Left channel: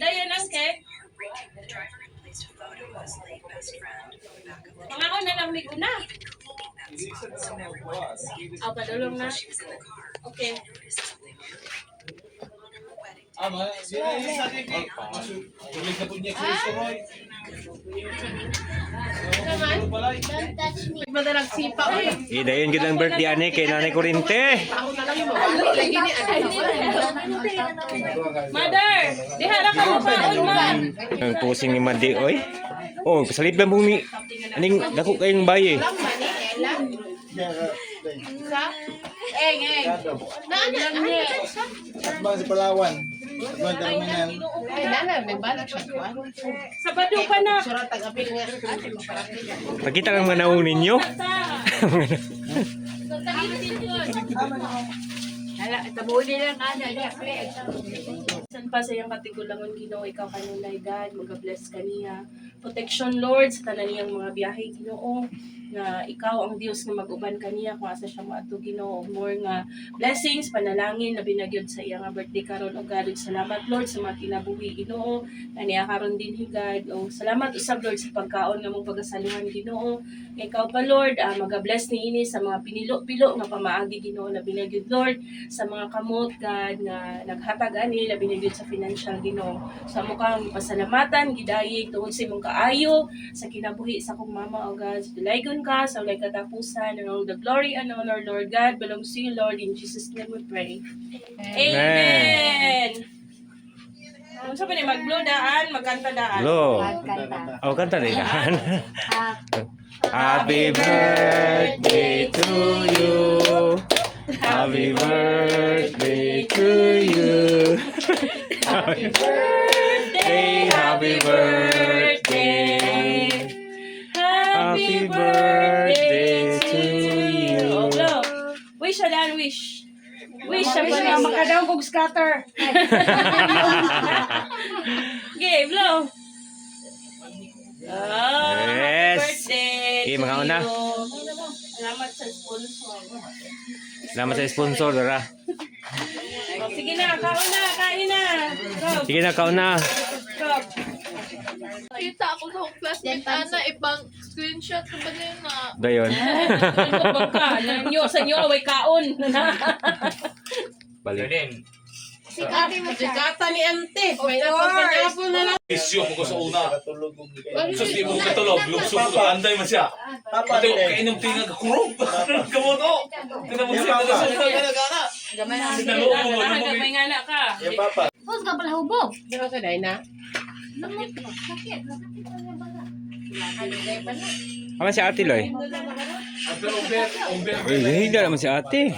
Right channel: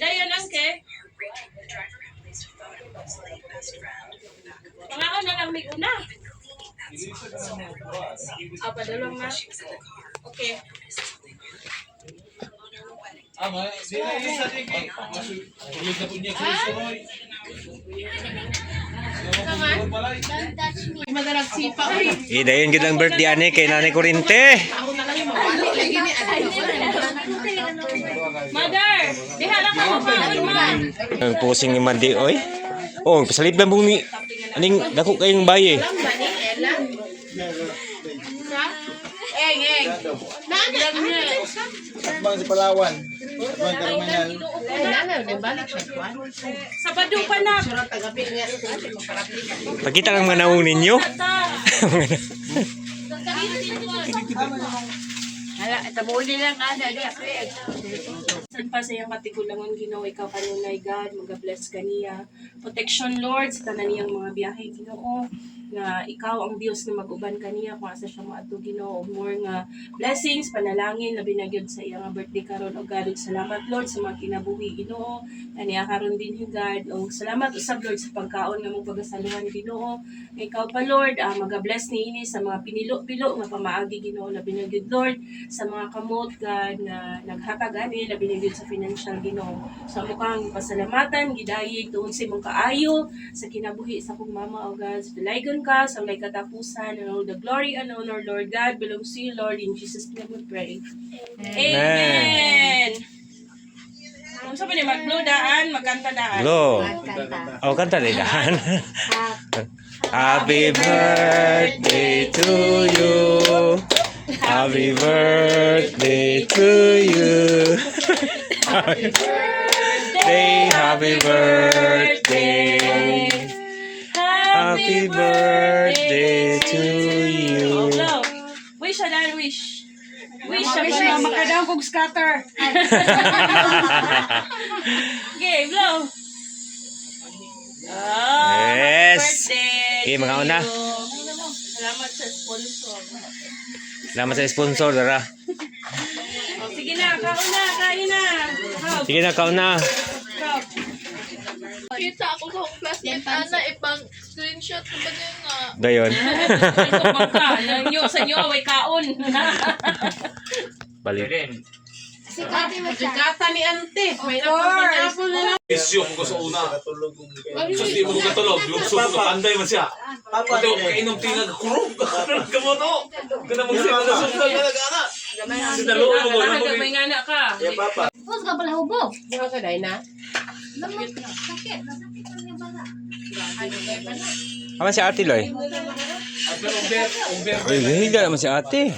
Dayan ang ke. Pangako na lang may una. Padulong na. Okay. Di na isa kiki. Tuloy na po niya Roy. Madalag sipa. Dayon gid ang birthday ani kay Nanay Kurinte. Mother, dihara ka mo kaon man. Ang pusing ni Madi oy. Oh, pasalip lang bung ni aning dako kayong baye. Eng. Bang si Palawan. Bang karamihan. Sabado pa na. Pakita lang mga naong ninyo. Hala, tabuli lang ana. San pa sa iyang katigulangon Ginoo, ikaw kanunay God, mag-bless kaniya. Protection Lord sa tanan niyang mga biyahe Ginoo, nga ikaw ang Dios nga mag-uban kaniya kung asa siya maadto Ginoo. More nga blessings, panalangin labi na gyud sa iyang birthday karon o God. Salamat Lord sa mga kinabuhi Ginoo. Kaniya karon din God. O salamat usab Lord sa pagkaon nga mong pagasaluhan Ginoo. Ikaw pa Lord, mag-bless niini sa mga pinilo-pilo nga pamaagi Ginoo, labi na gyud Lord sa mga kamot God nga naghatag ani labi na gyud sa financial Ginoo. Sa mukang pasalamatan gidayeg tungod sa imong kaayo sa kinabuhi sa akong mama o God. Sa dalaygon ka sa walay katapusan, and all the glory and honor Lord God belongs to you Lord, in Jesus name we pray. Amen. Kung sa ni mag-blow daan, magkanta daan. Lo. Oh, kanta din dahan. Happy birthday to you. Happy birthday to you. Happy birthday, happy birthday. Happy birthday to you. Oh, blow. Wish daan, wish. Wish sa mga makadaw kong scatter. Okay, blow. Oh, Yes. happy birthday. Okay, mga una. Salamat sa sponsor. Salamat sa sponsor, Dara. Oh, sige na, kaon na, kain na. Go, Sige na, kauna. go. Kita ako sa classmate ana ipang screenshot ko ba niya nga. Dayon. Sa inyo, away kaon. Balik. Sikata ni ante. May napapanapo na lang. Isyo mo ko sa una. Sus di mo ko katulog. Lukso ko anday man siya. Papa Pati kainom tinag kurog. Kamo to. Kana mo siya sa una kana kana. Sinalo mo mo. May ngana ka. Ya papa. Hus ka pala hubog. Di ba ka day na? Lamot na. Sakit lang bala. Aman si Ate Loy. At pero umber. Ay, higa naman si Ate.